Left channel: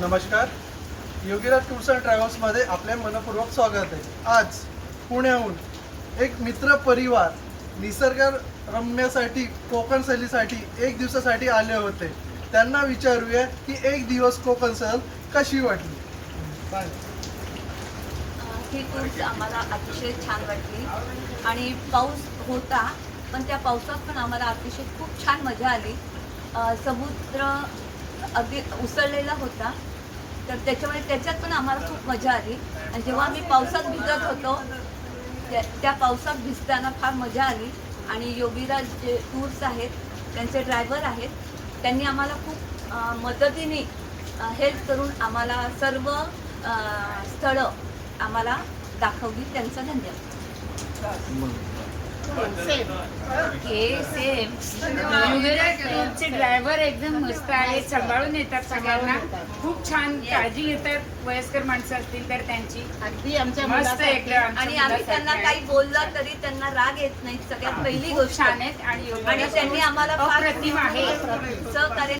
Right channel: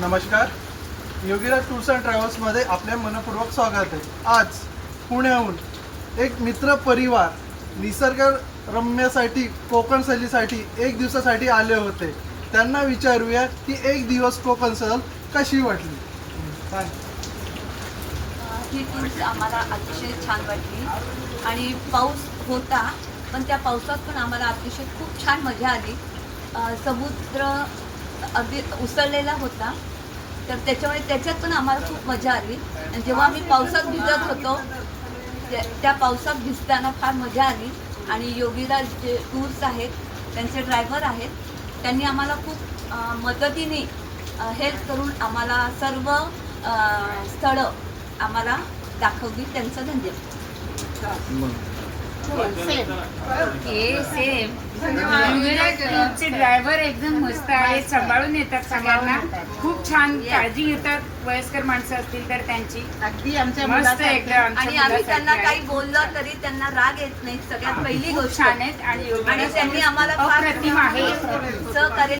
नमस्कार. Yogiraj tours and ट्रॅव्हल्समध्ये आपले मनपूर्वक स्वागत आहे. आज पुण्याहून एक मित्र परिवार निसर्गरम्यासाठी कोकण सहलीसाठी एक दिवसासाठी आले होते. त्यांना विचारूया की एक दिवस कोकण सहल कशी वाटली. ही टूर्स आम्हाला अतिशय छान वाटली आणि पाऊस होता, पण त्या पावसात पण आम्हाला अतिशय खूप छान मजा आली. समुद्र अगदी उसळलेला होता, तर त्याच्यात पण आम्हाला खूप मजा आली. आणि जेव्हा आम्ही पावसात भिजत होतो त्या पावसात भिजताना फार मजा आली. आणि योगीराज जे टूर्स आहेत त्यांचे ड्रायव्हर आहेत, त्यांनी आम्हाला खूप मदतीने हेल्प करून आम्हाला सर्व स्थळं आम्हाला दाखवली. त्यांचा धन्यवाद. सेम टूरचे ड्रायव्हर एकदम मस्त आहेत, सांभाळून येतात सगळ्यांना, खूप छान काळजी घेतात. वयस्कर माणसं असतील तर त्यांची अगदी आमच्या मस्त एकदम. आणि आम्ही त्यांना काही बोललं तरी त्यांना राग येत नाही. सगळ्यात पहिली गोष्ट छान आहेत आणि त्यांनी आम्हाला फार अप्रतिम आहे. सहकार्य